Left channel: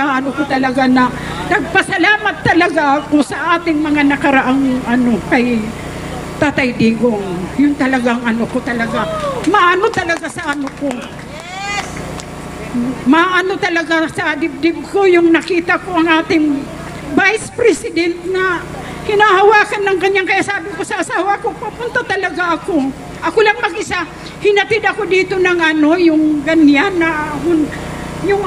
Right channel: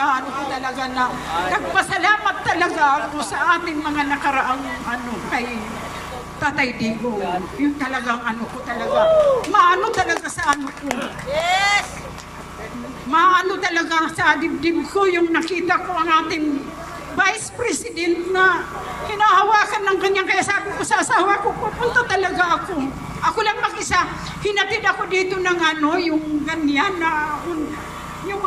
Ano ko talaga na nagpasalamat talaga ako sa ating mga nakaraang kay Tatay Digong. Yung talagang ko talaga. Maano talaga sa ko. Maano talaga sa dibdib ko yung nakita ko ang ating Vice President na hinahawakan ng kanyang, kaya sabi ko sa asawa ko, papunta talaga ako. Ako lang mag-isa. Hinatid ako dito ng yung ganyan na yung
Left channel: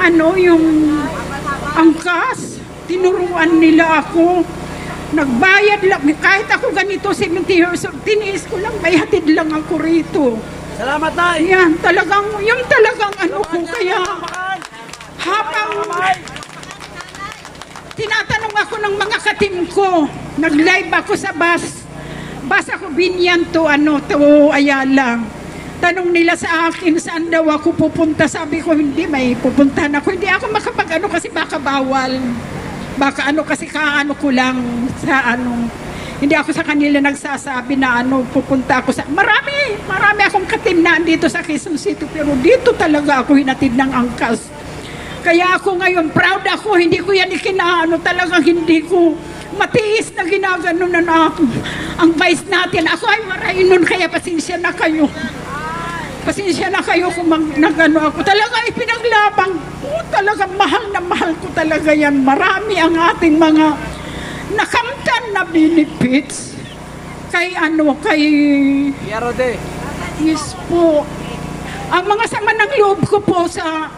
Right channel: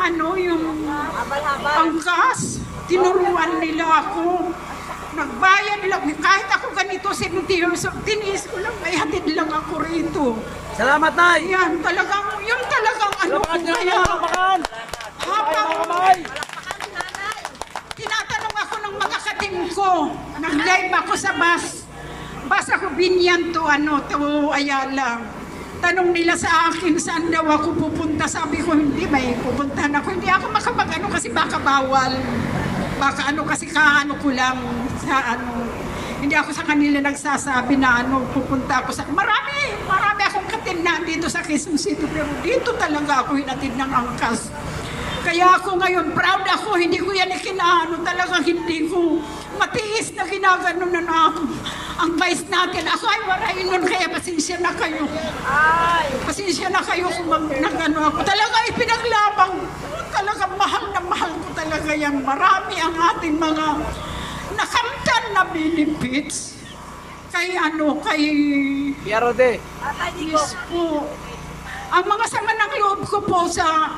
angkas, tinuruan nila ako, nagbayad lang, kahit ako ganito 70 years old, tiniis ko lang, may hatid lang ako rito. Salamat, Nay! Yan, talagang, yung talagang ko, kaya habang tinatanong ako ng mga katim ko, nag-live ako sa bus ako Binyan to Ayala. Tanong nila sa akin, saan daw ako pupunta? Sabi ko, hindi, may pupuntahan ako. Hindi ako makapag kasi baka bawal. Baka kasi ko lang sa Hindi ako sa kanila nagsasabi na pupunta ako sa... Marami akong katim na dito sa Quezon City. Pero dito talaga ako hinatid ng angkas. Kaya ako ngayon, proud ako. Hindi ko yan talagang hindi ko matiis na ginagano na ang vice natin. Ako ay marahin nun, kaya pasensya na kayo. Pasensya na kayo kung nagano ako. Talaga ipinaglabang ko. Talaga mahal na mahal ko talaga yan. Marami ang ating mga nakamtan na benefits. Kay kay... Yarode. Yes po. Ang mga sama ng loob ko po sa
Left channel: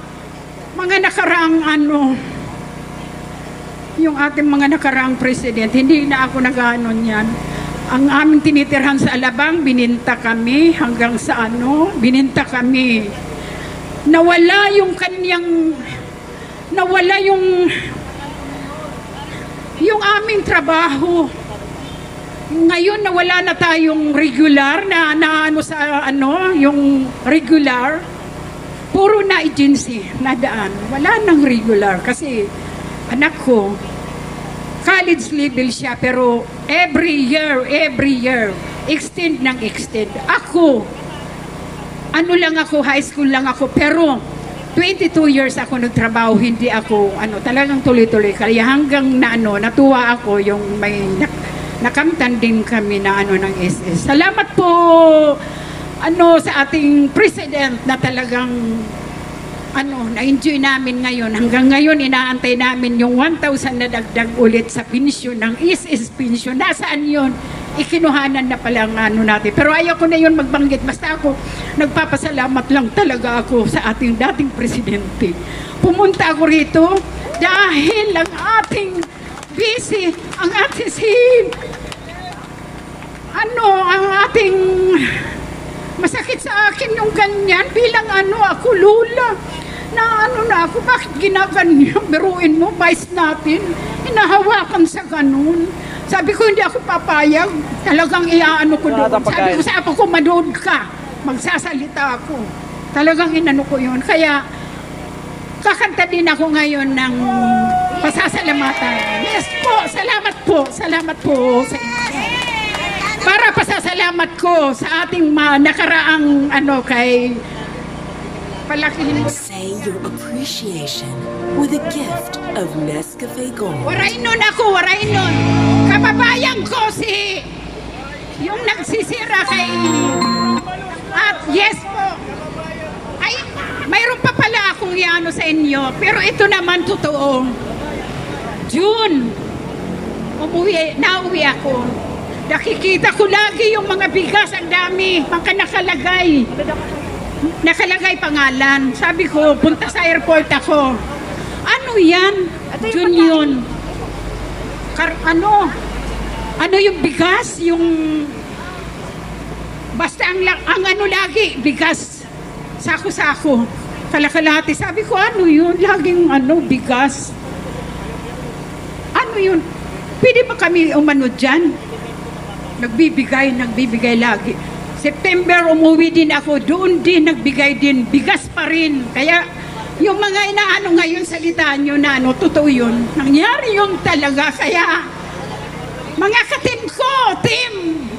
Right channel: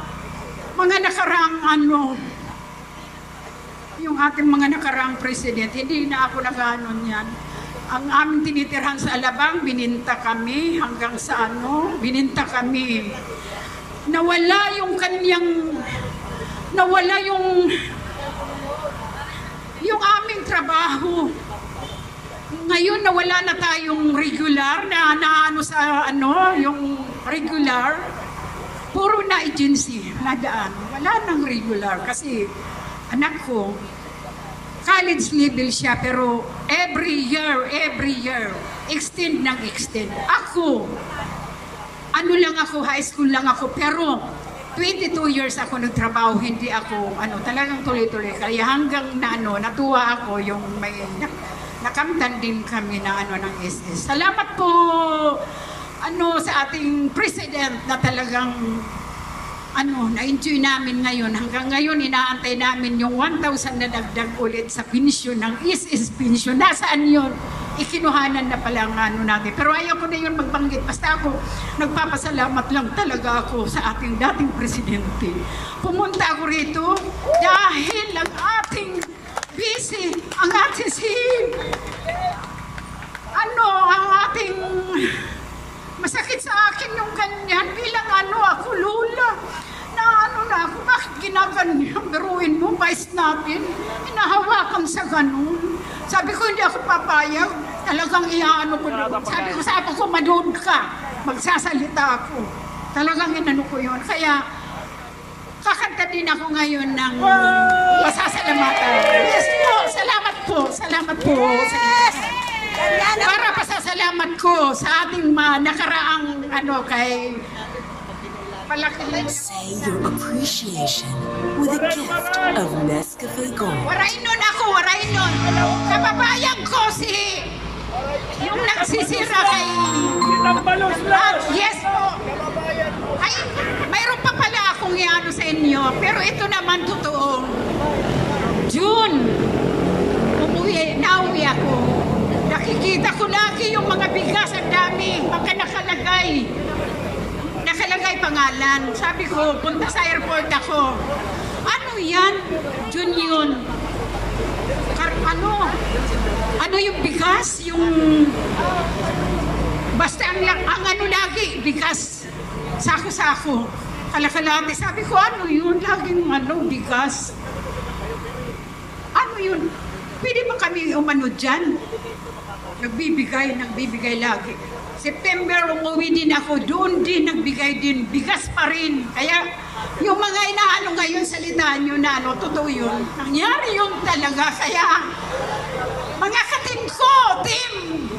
mga nakaraang yung ating mga nakaraang president, hindi na ako nag-anon yan. Ang aming tinitirhan sa Alabang, bininta kami hanggang sa bininta kami. Nawala yung kanyang, nawala yung aming trabaho. Ngayon nawala na tayong regular na yung regular. Puro na agency na daan. Wala nang regular kasi anak ko, college level siya, pero every year, extend ng extend. Ako, high school lang ako, pero 22 years ako nagtrabaho, hindi ako, talagang tuloy-tuloy. Kaya hanggang natuwa ako yung may nakamtan din kami na ng SS. Salamat po, sa ating president na talagang na-enjoy namin ngayon. Hanggang ngayon, inaantay namin yung 1,000 na dagdag ulit sa pensyon ng SS pension. Nasaan yun? Ikinuhanan na palang natin. Pero ayaw ko na yun magbanggit. Basta ako, nagpapasalamat lang talaga ako sa ating dating presidente. Pumunta ako rito dahil ang ating busy, ang ating ang ating masakit sa akin yung ganyan bilang ako lula na ako, bakit ginaganyan? Biruin mo, vice natin, hinahawakan sa ganun. Sabi ko, hindi ako papayag, talagang ko doon. Sabi ko, manood ka, magsasalita ako. Talagang ko yun. Kaya, kakanta din ako ngayon ng pasasalamatan. Yes po, salamat po sa inyo. Para pasasalamat ko sa ating nakaraang kay palakihin. Say your appreciation with a gift of Nescafe Gold. Waray nun. Kababayan ko yung nagsisira kay yes po. Ay, mayroon pa pala akong sa inyo. Pero ito naman totoo. June, nauwi ako. Nakikita ko lagi yung mga bigas, ang dami, mga nakalagay pangalan. Sabi ko, punta sa airport ako. Ano yan? Yun. Ano yung bigas? Yung basta ang lagi, bigas. Sako-sako. Kalakalati. Sabi ko, ano yun? Laging bigas. Ano yun? Pwede ba kami umano dyan? Nagbibigay lagi. September umuwi din ako, doon din nagbigay din, bigas pa rin. Kaya yung mga ngayon salita nyo na totoo yun. Nangyari yun talaga. Kaya mga ka-team ko, team,